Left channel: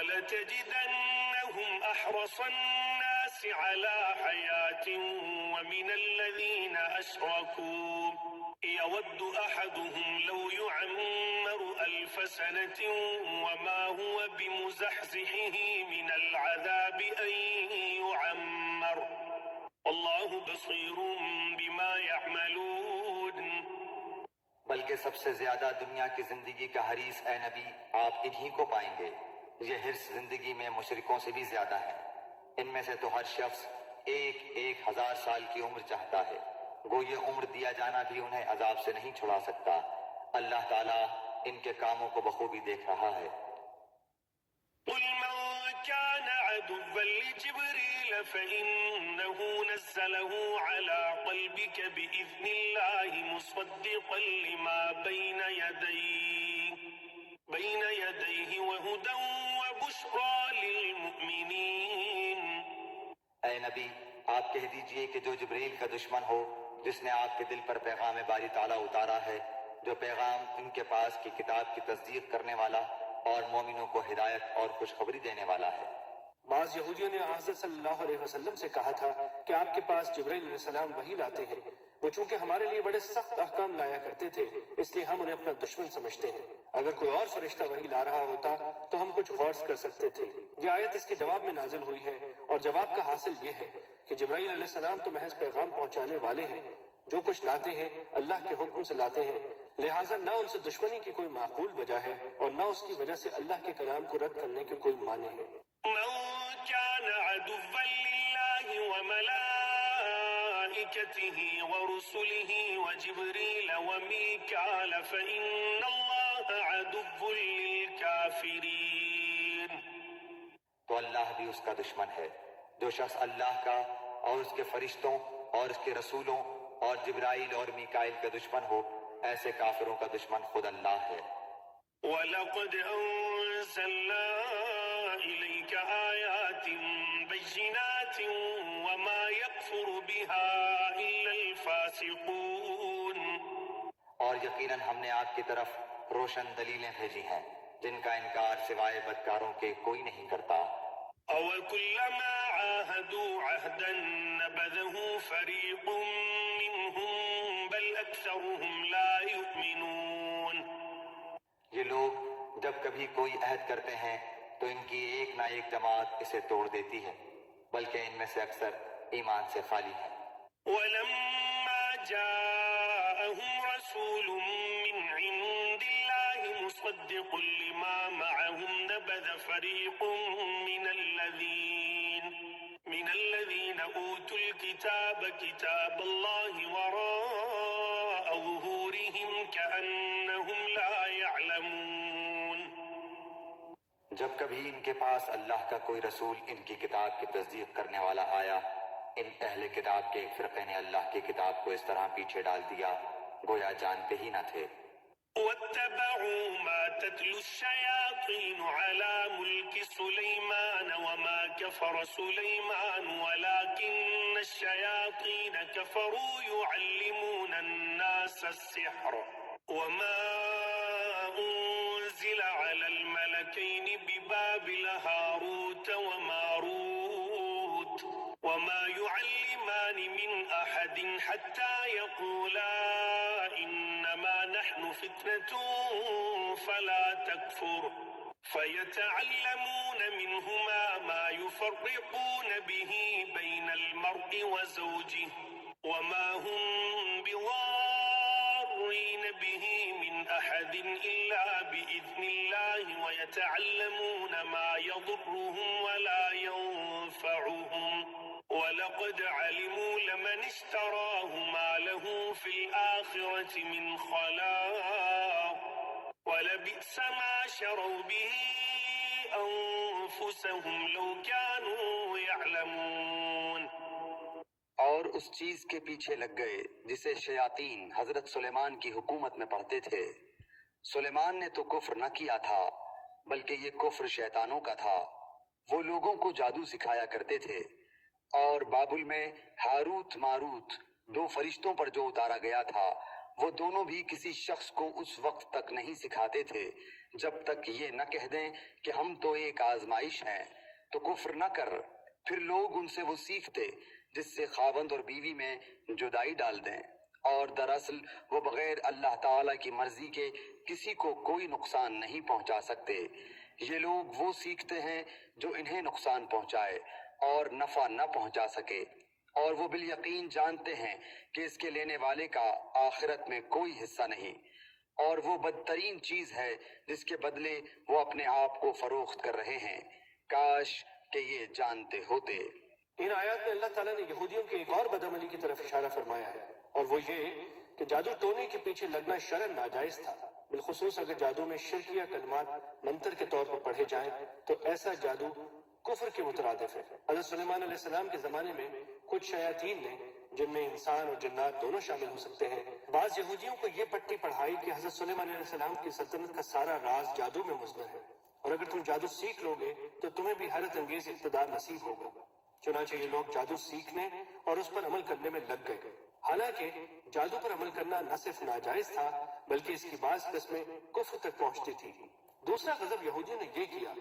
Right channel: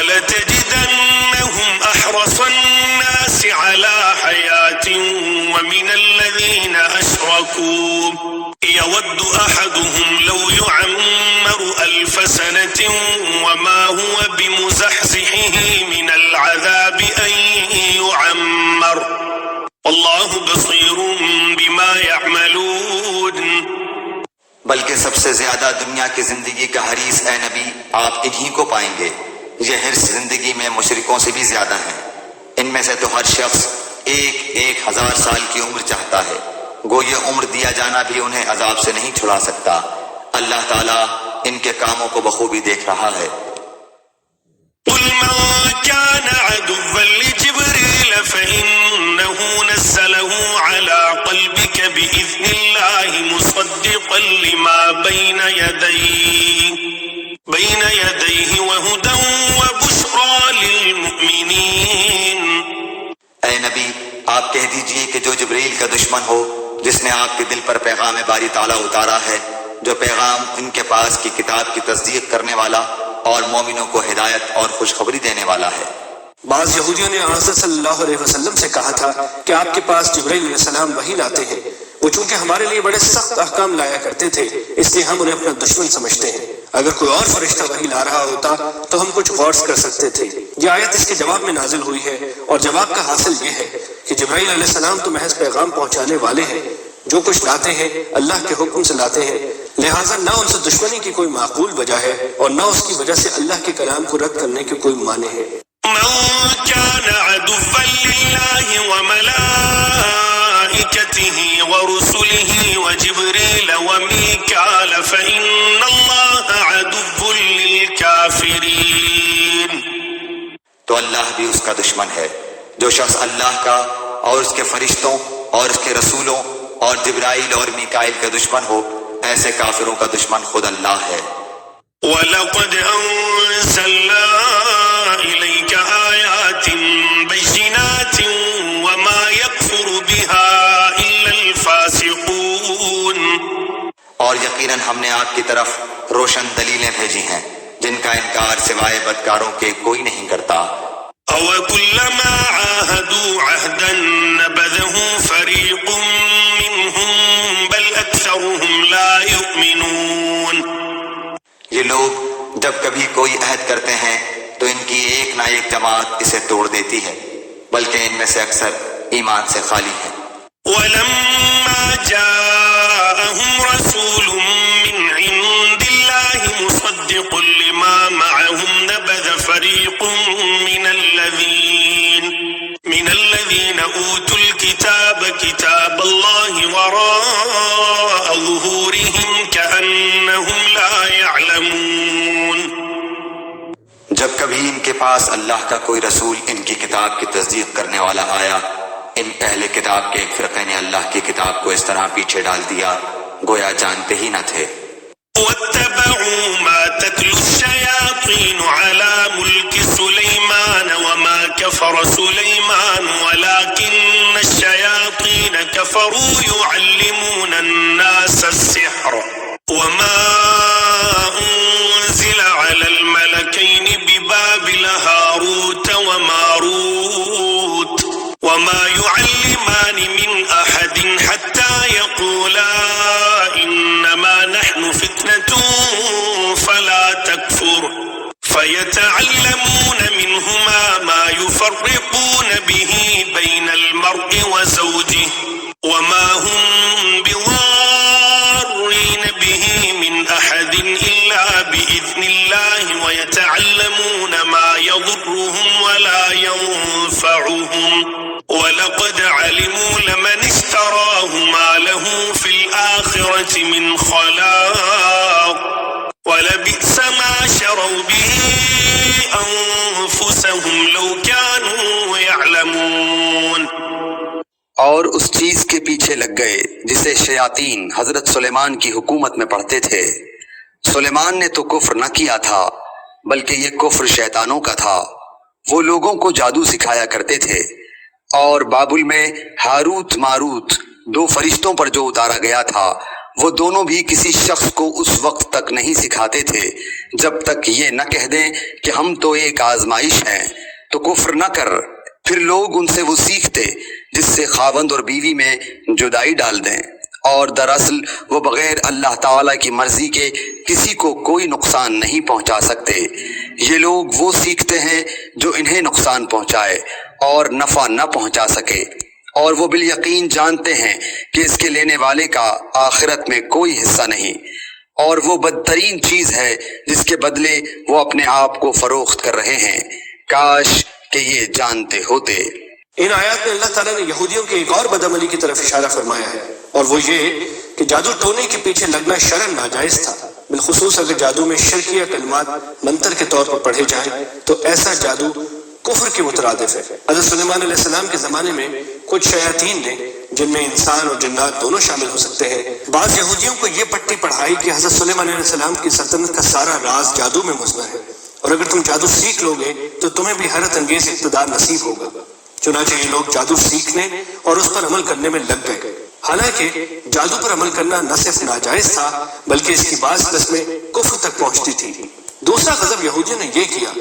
وَلَتَجِدَنَّهُمْ أَحْرَصَ النَّاسِ عَلَى حَيَاةٍ وَمِنَ الَّذِينَ أَشْرَكُوا يَوَدُّ أَحَدُهُمْ لَوْ يُعَمَّرُ أَلْفَ سَنَةٍ وَمَا هُوَ بِمُزَحْزِحِهِ مِنَ الْعَذَابِ أَن يُعَمَّرَ وَاللَّهُ بَصِيرٌ بِمَا يَعْمَلُونَ۔ بلکہ سب سے زیادہ دنیا کی زندگی کا حریص اے نبی آپ انہی کو پائیں گے۔ یہ حرص زندگی میں مشرکوں سے بھی زیادہ ہیں۔ ان میں سے تو ہر شخص 1000 سال کی عمر چاہتا ہے، گو یہ عمر دیا جانا بھی انہیں عذاب سے نہیں چھڑا سکتا۔ اللہ تعالیٰ ان کے کاموں کو بخوبی دیکھ رہا ہے۔ قُلْ مَنْ كَانَ عَدُوًّا لِجِبْرِيلَ فَإِنَّهُ نَزَّلَهُ عَلَى قَلْبِكَ بِإِذْنِ اللَّهِ مُصَدِّقًا لِمَا بَيْنَ يَدَيْهِ وَهُدًى وَبُشْرَى لِلْمُؤْمِنِينَ۔ اے نبی آپ کہہ دیجئے کہ جو جبریل کا دشمن ہو، جس نے آپ کے دل پر پیغام باری تعالیٰ اتارا ہے، جو پیغام ان کے پاس کی کتاب کی تصدیق کرنے والا اور مومنوں کو ہدایت اور خوشخبری دینے والا ہے۔ بعض یہودیوں نے حضرت صلی اللہ علیہ وسلم سے کہا تھا کہ آپ کے پاس جبرائیل علیہ السلام وحی لاتے ہیں، وہ چونکہ ہمارے لیے بڑے سخت احکام لایا کرتے تھے اس لیے ہم انہیں اپنا دشمن سمجھتے ہیں، اگر کوئی اور فرشتہ وحی لا رہا ہوتا تو ہم کچھ غور کر سکتے تھے۔ یہ آیت اس کے جواب میں نازل ہوئی ہے، اور جواب کا حاصل یہ ہے کہ جبرائیل علیہ السلام تو محض پیغام پہنچانے والے ہیں، جو کچھ لاتے ہیں اللہ کے حکم سے لاتے ہیں، لہٰذا نہ ان سے دشمنی کی کوئی معقول وجہ ہے اور نہ اس کی وجہ سے اللہ کے کلام کو رد کرنے کی کوئی معنی ہے۔ من كان عدوا لله وملائكته ورسله وجبريل وميكال فإن الله عدو للكافرين۔ تو اللہ بھی اس کا دشمن ہے۔ جو شخص اللہ کا اور اس کے فرشتوں اور اس کے رسولوں اور جبرائیل اور میکائیل کا دشمن ہو، ایسے کافروں کا دشمن خود اللہ ہے۔ وَلَقَدْ أَنزَلْنَا إِلَيْكَ آيَاتٍ بَيِّنَاتٍ وَمَا يَكْفُرُ بِهَا إِلَّا الْفَاسِقُونَ۔ اور یقیناً ہم نے آپ کی طرف روشن دلیلیں بھیجی ہیں جن کا انکار سوائے بدکاروں کے کوئی نہیں کرتا۔ أَوَكُلَّمَا عَاهَدُوا عَهْدًا نَبَذَهُ فَرِيقٌ مِّنْهُمْ بَلْ أَكْثَرُهُمْ لَا يُؤْمِنُونَ۔ یہ لوگ جب کبھی کوئی عہد کرتے ہیں تو ان کی ایک نہ ایک جماعت اسے توڑ دیتی ہے، بلکہ ان میں سے اکثر ایمان سے خالی ہیں۔ وَلَمَّا جَاءَهُمْ رَسُولٌ مِّنْ عِندِ اللَّهِ مُصَدِّقٌ لِمَا مَعَهُمْ نَبَذَ فَرِيقٌ مِّنَ الَّذِينَ أُوتُوا الْكِتَابَ كِتَابَ اللَّهِ وَرَاءَ ظُهُورِهِمْ كَأَنَّهُمْ لَا يَعْلَمُونَ۔ جب کبھی ان کے پاس اللہ کا کوئی رسول ان کی کتاب کی تصدیق کرنے والا آیا، ان اہل کتاب کے ایک فرقے نے اللہ کی کتاب کو اس طرح پیچھے ڈال دیا گویا جانتے ہی نہ تھے۔ وَاتَّبَعُوا مَا تَتْلُو الشَّيَاطِينُ عَلَى مُلْكِ سُلَيْمَانَ وَمَا كَفَرَ سُلَيْمَانُ وَلَكِنَّ الشَّيَاطِينَ كَفَرُوا يُعَلِّمُونَ النَّاسَ السِّحْرَ وَمَا أُنزِلَ عَلَى الْمَلَكَيْنِ بِبَابِلَ هَارُوتَ وَمَارُوتَ وَمَا يُعَلِّمَانِ مِنْ أَحَدٍ حَتَّى يَقُولَا إِنَّمَا نَحْنُ فِتْنَةٌ فَلَا تَكْفُرْ فَيَتَعَلَّمُونَ مِنْهُمَا مَا يُفَرِّقُونَ بِهِ بَيْنَ الْمَرْءِ وَزَوْجِهِ وَمَا هُمْ بِضَارِّينَ بِهِ مِنْ أَحَدٍ إِلَّا بِإِذْنِ اللَّهِ وَيَتَعَلَّمُونَ مَا يَضُرُّهُمْ وَلَا يَنفَعُهُمْ وَلَقَدْ عَلِمُوا لَمَنِ اشْتَرَاهُ مَا لَهُ فِي الْآخِرَةِ مِنْ خَلَاقٍ وَلَبِئْسَ مَا شَرَوْا بِهِ أَنفُسَهُمْ لَوْ كَانُوا يَعْلَمُونَ۔ اور اس چیز کے پیچھے لگ گئے جسے شیاطین حضرت سلیمان کی حکومت میں پڑھتے تھے۔ سلیمان نے تو کفر نہ کیا تھا بلکہ یہ کفر شیطانوں کا تھا۔ وہ لوگوں کو جادو سکھایا کرتے تھے، اور بابل میں ہاروت ماروت 2 فرشتوں پر جو اتارا گیا تھا وہ دونوں بھی کسی شخص کو اس وقت تک نہیں سکھاتے تھے جب تک یہ نہ کہہ دیں کہ ہم تو ایک آزمائش ہیں تو کفر نہ کر۔ پھر لوگ ان سے وہ سیکھتے جس سے خاوند اور بیوی میں جدائی ڈال دیں، اور دراصل وہ بغیر اللہ تعالیٰ کی مرضی کے کسی کو کوئی نقصان نہیں پہنچا سکتے۔ یہ لوگ وہ سیکھتے ہیں جو انہیں نقصان پہنچائے اور نفع نہ پہنچا سکے، اور وہ بالیقین جانتے ہیں کہ اس کے لینے والے کا آخرت میں کوئی حصہ نہیں، اور وہ بدترین چیز ہے جس کے بدلے وہ اپنے آپ کو فروخت کر رہے ہیں۔ کاش کہ یہ جانتے ہوتے۔ ان آیات میں اللہ تعالیٰ نے یہودیوں کی ایک اور بدعملی کی طرف اشارہ فرمایا ہے، اور وہ یہ کہ جادو ٹونے کے پیچھے لگنا شرعاً ناجائز تھا، بالخصوص اگر جادو میں شرکیہ کلمات منتر کے طور پر پڑھے جائیں تو ایسا جادو کفر کے مترادف ہے۔ حضرت سلیمان علیہ السلام کے زمانے میں کچھ شیاطین نے، جن میں انسان اور جنات دونوں شامل ہو سکتے ہیں، بعض یہودیوں کو یہ پٹی پڑھائی کہ حضرت سلیمان علیہ السلام کی سلطنت کا سارا راز جادو میں مضمر ہے، اور اگر تم جادو سیکھ لو گے تو تمہیں بھی حیرت انگیز اقتدار نصیب ہوگا۔ چنانچہ یہ لوگ جادو سیکھنے اور اس پر عمل کرنے میں لگ گئے۔ حالانکہ جادو پر عمل کرنا نہ صرف ناجائز تھا بلکہ اس کی بعض قسمیں کفر تک پہنچتی تھی۔ دوسرا غضب یہودیوں نے یہ کیا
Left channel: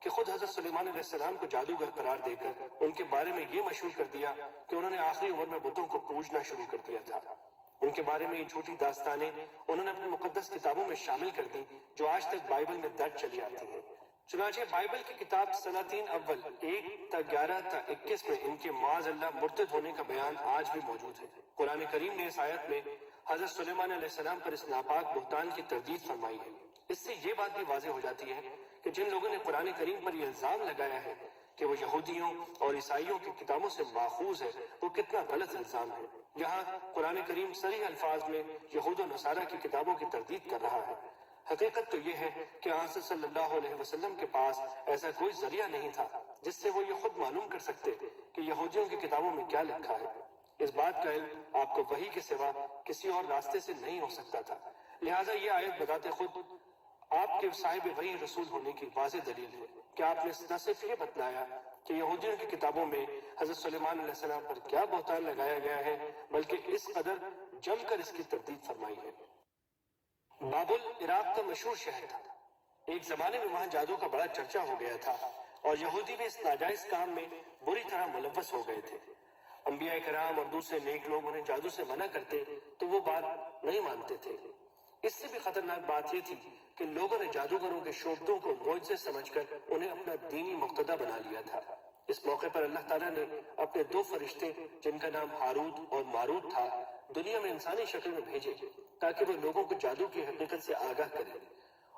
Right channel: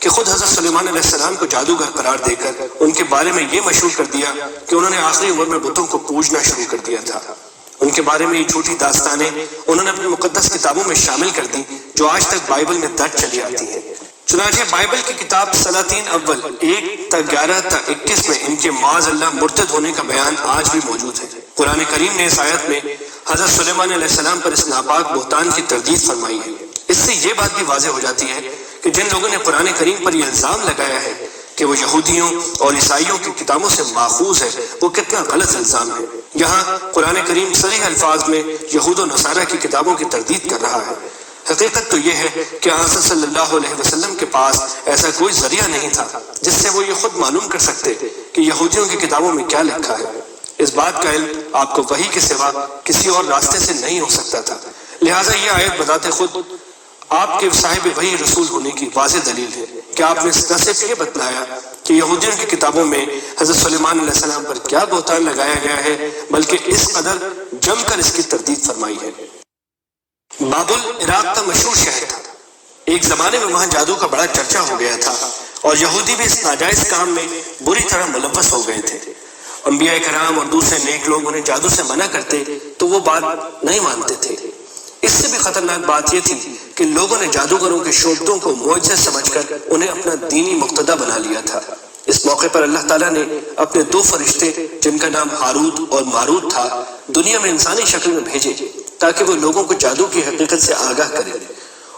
کہ خود حضرت سلیمان علیہ السلام کو جادوگر قرار دے کر ان کے بارے میں یہ مشہور کر دیا کہ انہوں نے آخری عمر میں بتوں کو پوجنا شروع کر دیا تھا۔ ان کے بارے میں یہ جھوٹی داستانیں انہوں نے اپنی مقدس کتابوں میں شامل کر دی جو آج تک بائبل میں درج چلی آتی ہیں۔ چنانچہ بائبل کی کتاب سلاطین اول 1-11-21 میں ان کے معاذ اللہ مرتد ہونے کا بیان آج بھی موجود ہے۔ قرآن کریم نے اس آیت میں حضرت سلیمان علیہ السلام پر اس ناپاک بہتان کی تردید فرمائی ہے۔ اس سے یہ بات بھی واضح ہو جاتی ہے کہ جن لوگوں نے قرآن کریم پر یہ الزام لگایا ہے کہ وہ یہودیوں اور عیسائیوں کی کتابوں سے ماخوذ ہے، وہ کتنا غلط الزام ہے۔ یہاں قرآن کریم صریح الفاظ میں یہود و نصارہ کی کتابوں کی تردید کر رہا ہے۔ حقیقت تو یہ ہے کہ حضرت صلی اللہ علیہ وسلم کے پاس ایسا کوئی ذریعہ نہیں تھا جس سے وہ یہ خود معلوم کر سکتے کہ یہودیوں کی کتابوں میں کیا لکھا ہے۔ اس بات کا علم آپ کو وحی کے سوا کسی اور راستے سے نہیں ہو سکتا تھا، لہٰذا یہ آیت بذات خود آپ کے صاحب وحی رسول ہونے کی واضح دلیل ہے کہ آپ نے نہ صرف یہ بتلایا کہ یہودیوں کی کتابوں میں حضرت سلیمان علیہ السلام پر کیا بہتان لگایا گیا ہے، بلکہ اس قدر جم کر اس کی تردید فرمائی ہے۔ بابل عراق کا مشہور شہر تھا۔ ایک زمانے میں وہاں جادو کا بڑا چرچا ہو گیا تھا، اور یہودی بھی اس ناجائز کام میں بری طرح ملوث ہو گئے تھے۔ انبیاء کرام اور دوسرے نیک لوگ انہیں جادو سے منع کرتے تو وہ بات نہیں مانتے تھے۔ اس سے بھی خطرناک بات یہ تھی کہ لوگوں نے جادوگروں کے شعبدوں کو معجزے سمجھ کر انہیں اپنا دینی مقتدی بنا لیا تھا۔ اس موقع پر اللہ تعالیٰ نے اپنے 2 فرشتے جن کا نام ہاروت اور ماروت تھا دنیا میں انسانی شکل میں بھیجے تاکہ وہ لوگوں کو جادو کی حقیقت سے آگاہ کریں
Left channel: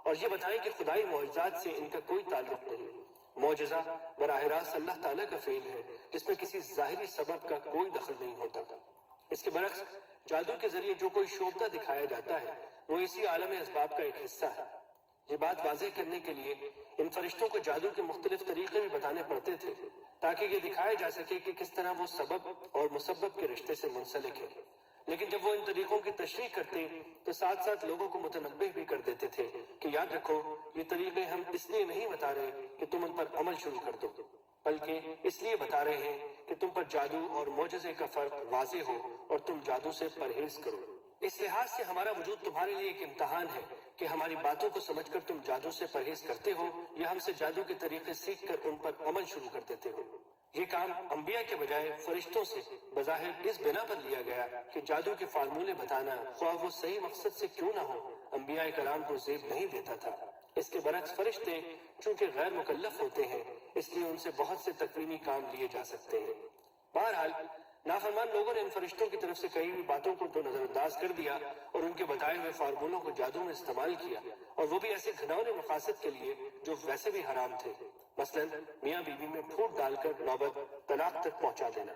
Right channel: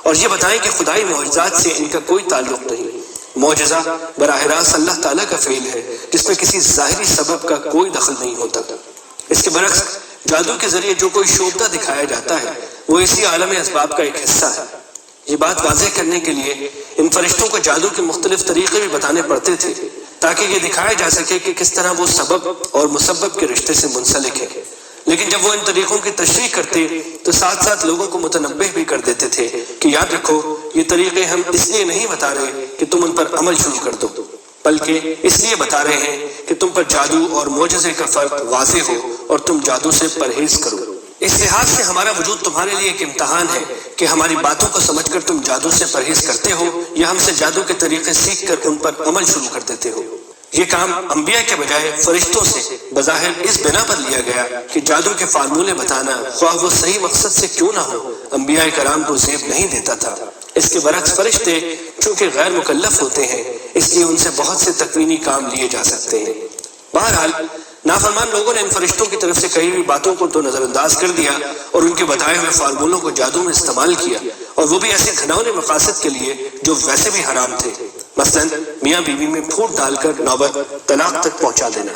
اور یہ بتائیں کہ خدائی معجزات سے ان کا کوئی تعلق نہیں۔ معجزہ براہ راست اللہ تعالیٰ کا فعل ہے جس میں کسی ظاہری سبب کا کوئی دخل نہیں ہوتا۔ اس کے برعکس جادو کے ذریعے جو کوئی شعبدہ دکھایا جاتا ہے وہ اسی عالم اسباب کا ایک حصہ ہے۔ یہ بات واضح کرنے کے لیے ان فرشتوں کو جادو کے مختلف طریقے بھی بتانے پڑتے تھے تاکہ یہ دکھایا جا سکے کہ کس طرح وہ سبب اور مسبب کے رشتے سے منسلک ہے۔ لیکن جب وہ ان طریقوں کی تشریح کرتے تو ساتھ ساتھ لوگوں کو متنبہ بھی کر دیتے تھے کہ یاد رکھو یہ طریقے ہم اس لیے نہیں بتا رہے کہ تم ان پر عمل شروع کر دو، بلکہ اس لیے بتا رہے ہیں کہ تم پر جادو اور معجزے کا فرق واضح ہو اور تم جادو سے پرہیز کرو۔ اس لحاظ سے ہمارا وجود تمہارے لیے ایک امتحان ہے کہ ہماری باتوں کو سمجھ کر تم جادو سے پرہیز کرتے ہو یا ہم سے جادو کے طریقے سیکھ کر ان پر عمل شروع کر دیتے ہو۔ یہ کام انبیاء کے بجائے فرشتوں سے بظاہر اس بنا پر لیا گیا کہ جادو کے فارمولے بتانا خواہ وہ صحیح مقصد سے کیوں نہ ہو انبیاء کرام کو زیب نہیں دیتا تھا۔ اس کے برعکس فرشتے چونکہ غیر مکلف ہوتے ہیں اس لیے ان سے بہت سے تکوینی کام لیے جا سکتے ہیں۔ بہرحال نافرمان لوگوں نے ان فرشتوں کی طرف سے کہی ہوئی باتوں کو تو نظر انداز کر دیا اور ان کے بتائے ہوئے فارمولوں کو جادو میں استعمال کیا، اور وہ بھی ایسے گھناؤنے مقاصد کے لیے جو ویسے بھی حرام تھے، مثلا میاں بیوی میں پھوٹ ڈال کر نوبت طلاق تک پہنچا دینا۔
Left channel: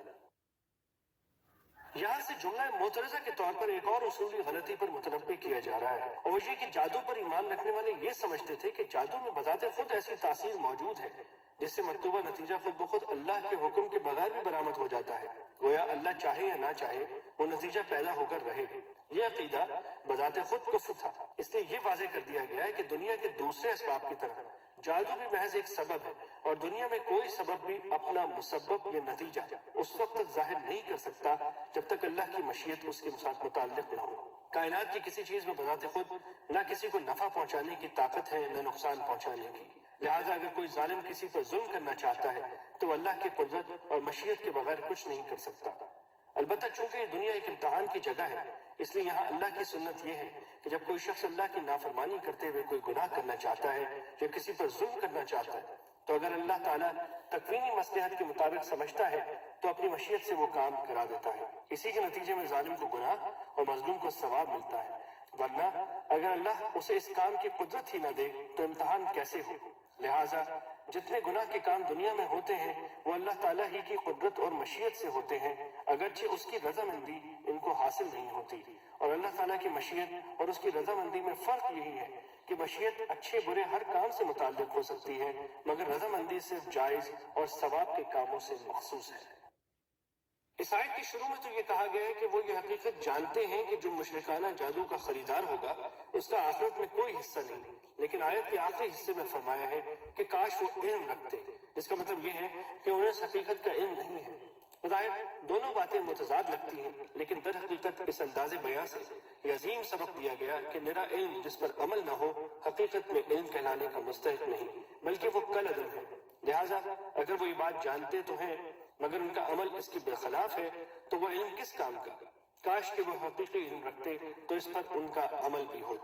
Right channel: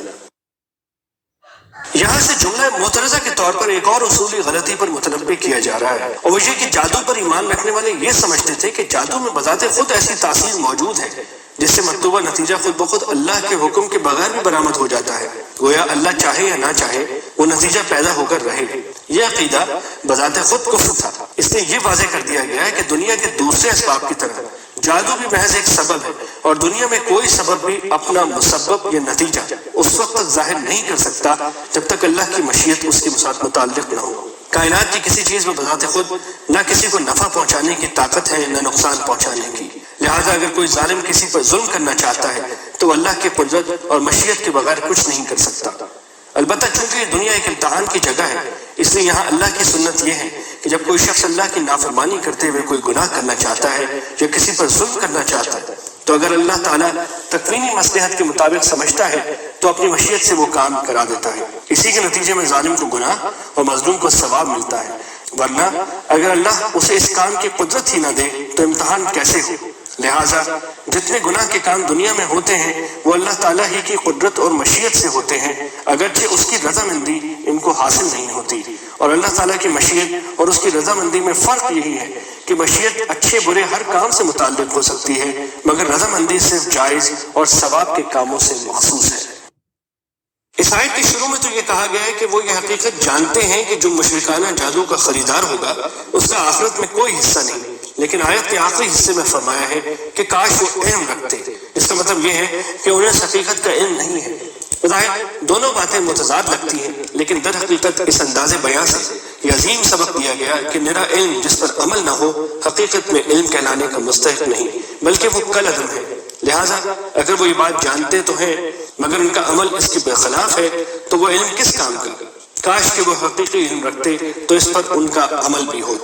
یہاں سے جملہ معترضہ کے طور پر ایک اور اصولی غلطی پر متنبہ کیا جا رہا ہے، اور وہ یہ کہ جادو پر ایمان رکھنے والے یہ سمجھتے تھے کہ جادو میں بذات خود ایسی تاثیر موجود ہے جس سے مطلوبہ نتیجہ خود بخود اللہ کے حکم کے بغیر بھی برآمد ہو جاتا ہے، گویا اللہ چاہے یا نہ چاہے وہ نتیجہ پیدا ہو کر رہے۔ یہ عقیدہ بذات خود کفر تھا، اس لیے یہ واضح کر دیا گیا ہے کہ دنیا کے دوسرے اسباب کی طرح جادو بھی محض ایک سبب ہے، اور دنیا میں کوئی سبب بھی اپنا مسبب یا نتیجہ اس وقت تک ظاہر نہیں کر سکتا جب تک اللہ کی مشیت اس کے ساتھ متعلق نہ ہو۔ کائنات کی کسی چیز میں بذات خود نہ کسی کو نفع پہنچانے کی طاقت ہے نہ نقصان پہنچانے کی، لہٰذا اگر کوئی ظالم کسی پر ظلم کرنا چاہتا ہے تو اللہ کی قدرت اور مشیت کے بغیر کچھ نہیں کر سکتا۔ البتہ چونکہ یہ دنیا ایک امتحان کی جگہ ہے، اس لیے یہاں اللہ کی سنت یہ ہے کہ جب کوئی شخص اللہ کی نافرمانی کرتے ہوئے کوئی گناہ کرنا چاہتا ہے یا کسی پر ظلم کرنا چاہتا ہے تو اگر اللہ تعالیٰ تکوینی مصلحت کے مطابق سمجھتا ہے تو اپنی مشیت سے وہ کام کرا دیتا ہے، اسی کے نتیجے میں ظالم کو گناہ اور مظلوم کو ثواب ملتا ہے، ورنہ اگر اللہ اسے اس کام کی قدرت ہی نہ دے تو امتحان کیسے ہو؟ لہٰذا جتنے گناہ کے کام دنیا میں ہوتے ہیں وہ اللہ تعالیٰ ہی کی قدرت اور مشیت سے ہوتے ہیں، اگرچہ اس کی رضامندی ان کو حاصل نہیں ہوتی۔ اور اللہ تعالیٰ کی مشیت اور اس کی رضامندی میں فرق یہی ہے کہ مشیت اچھے برے ہر کام سے متعلق ہو سکتی ہے، مگر رضامندی صرف جائز اور ثواب کے کاموں سے مخصوص ہے۔ اس آیت کے شروع میں تو یہ کہا گیا ہے کہ وہ یہ حقیقت جانتے ہیں کہ جو مشرکانہ جادو کا خریدار ہوگا اس کا آخرت میں کوئی حصہ نہیں، لیکن آیت کے آخری حصے میں فرمایا ہے کہ کاش وہ علم رکھتے۔ اس کا مطلب یہ ہے کہ انہیں اس حقیقت کا علم نہیں ہے۔ بظاہر دونوں باتیں متضاد لگتی ہیں، لیکن در حقیقت اس انداز بیان سے یہ عظیم سبق دیا گیا کہ نرا علم جس پر عمل نہ ہو حقیقت میں علم کہلانے کا مستحق نہیں، بلکہ وہ کل عدم ہے۔ لہٰذا اگر وہ یہ بات جانتے تو ہیں مگر ان کا عمل اس کے برخلاف ہے تو وہ علم کس کام کا؟ کاش کہ وہ حقیقی علم رکھتے تو اس پر ان کا عمل بھی ہوتا۔